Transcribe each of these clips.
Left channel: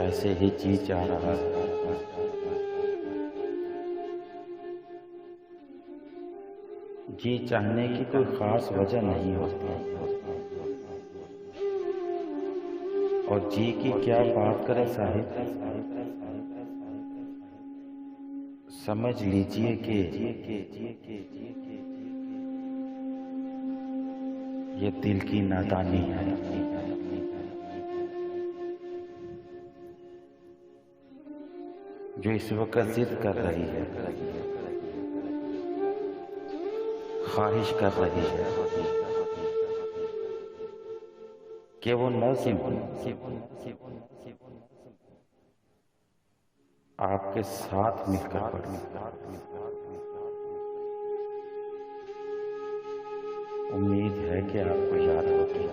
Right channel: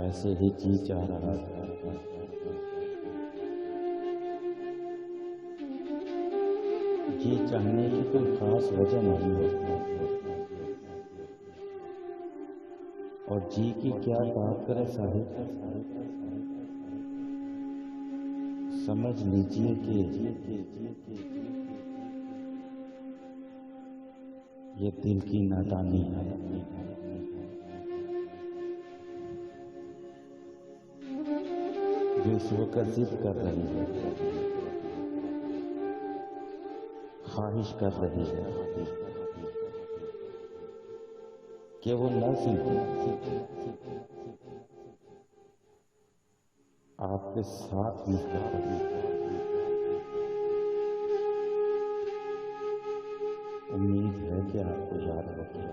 ऐसे ही जी जा रहा है। जी चाहने की कोई खास वजह नहीं होती, और जी की क्या बात करें साहिब। समझ लीजिए कि ये दिल की नादानी है जो इस वक्त जिद कर रही है, ख्वाहिश कर रही है कि वो नज़्म आपके साथ मिलकर पढ़े। उम्मीद है कि आपको याद होगी।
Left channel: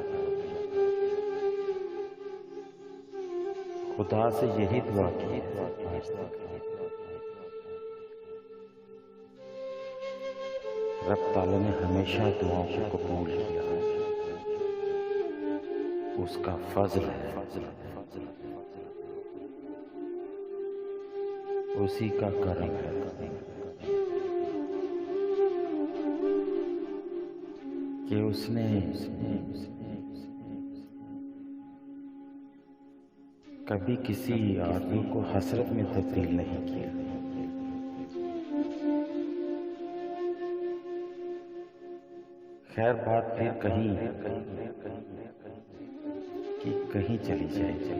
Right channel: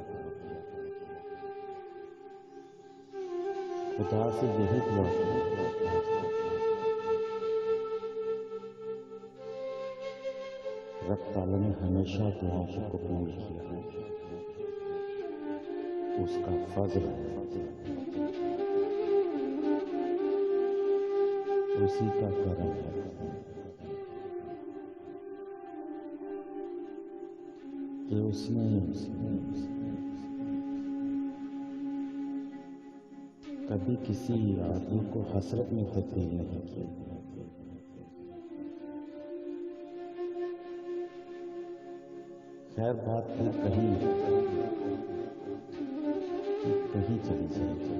खुदा से यही दुआ की, रब ताला ने हमेशा दुआओं को कबूल किया। उसका फजल है, उसी का करम है कि उसने कभी किसी आदमी को हसरत में तब्दील नहीं किया। खैर बात फिर कहीं चली जाएगी।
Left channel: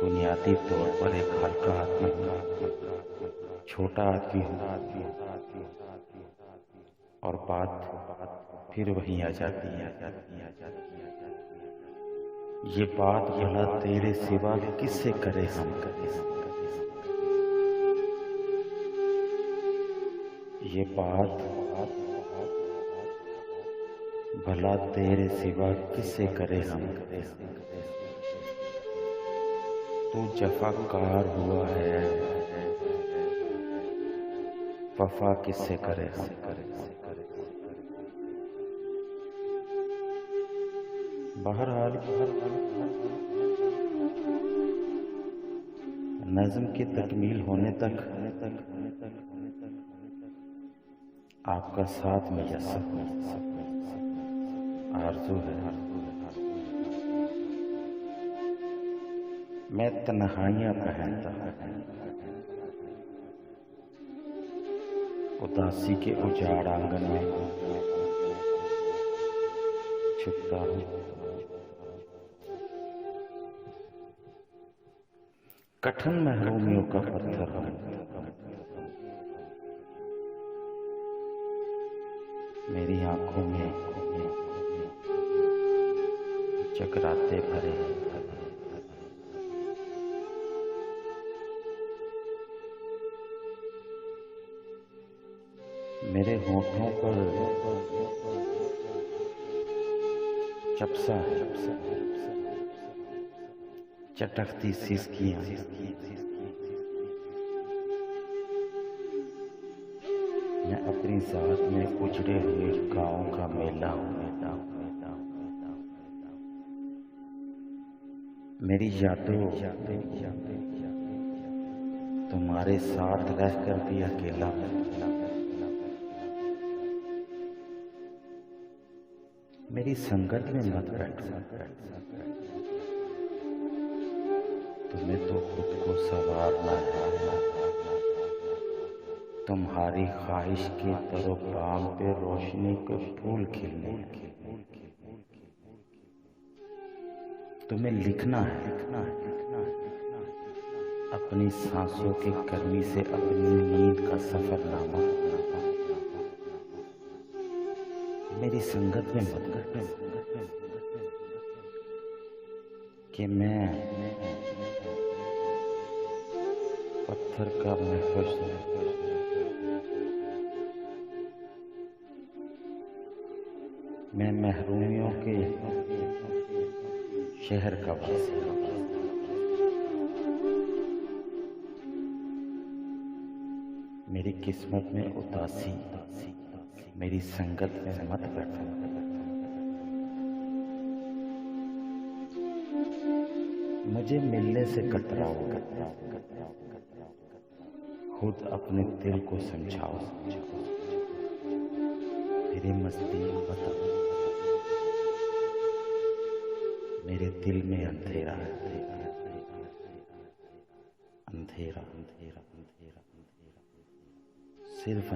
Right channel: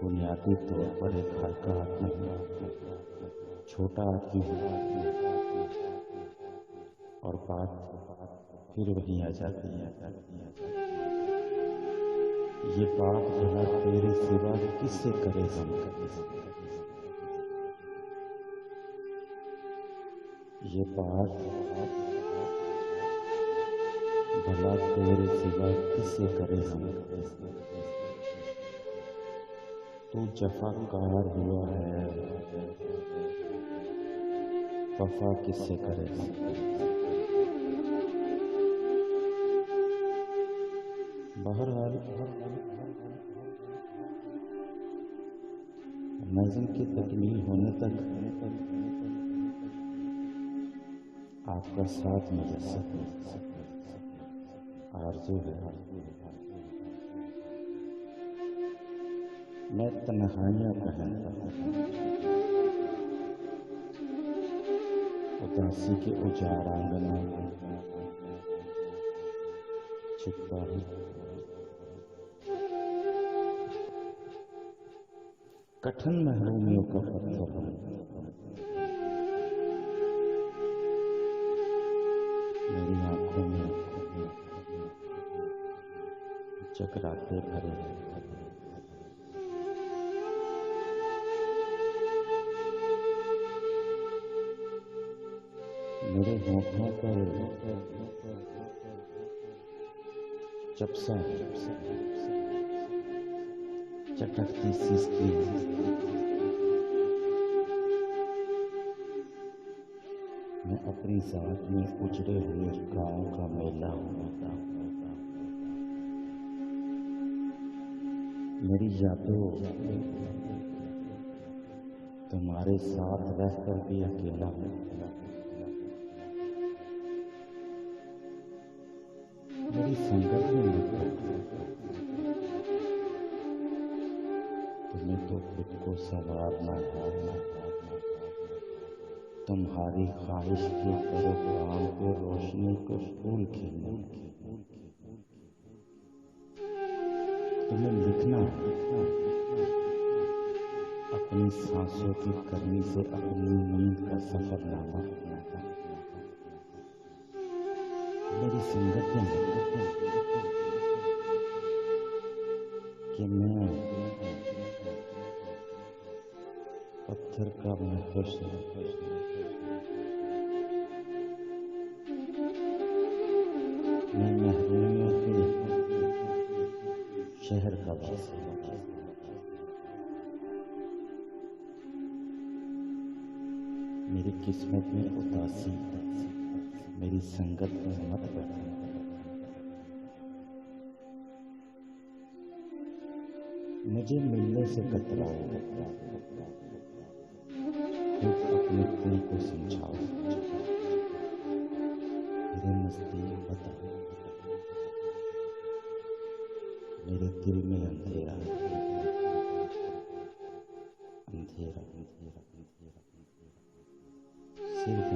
बुनियादी तौर पर एक हल्का आदमी होगा, छोटा आदमी होगा, और बात फिर वहीं आ जाती है। ये बात भला तेरे सिवा किससे करे हम। ये बात भला तेरे सिवा किससे करे हम। तू जफाकार हुआ है, वफा किससे करे हम। बहरहाल नज़्म की तकमील होने तक आपका साथ मुयस्सर आरज़ू है। मैं तन्हाइयाँ पहनता उदासी के उजाड़ आंगन में छुपता हूँ। कठिन महरूमियों का पत्थर हूँ, मेरी आंखों में चकराते भरे मेरे होठों पर चपसा चटकती सिसकियाँ। मैं अपनी जात में उजड़े हुए गाँव का मेला हूँ। मेरी यादों तुम्हारे साथ रहकर भी अकेला हूँ। मेरी संगत में मत बैठो, तुम्हें तो खुद को संवारना है। तुम्हारी ख्वाहिश के तरोबाम पे रोशनी के फूल खिलने। तुम्हें लिखना है अपनी सांसों की गर्मी से अपनी नींद का सफरनामा। मेरी संगत में कि मैं पत्थर का महफूज मैं महरूमियों के शहर का वासी। मेरी किस्मत में उदासी मेरी संगत में मत बैठो। मुझे मिलने से कतराओ, खुद अपने दिल को समझाओ, मेरी मस्ती बताओ, मेरे दिल में अंधेरा है, अंधेरा अंधेरा अंधेरा अंधेरा, सिर्फ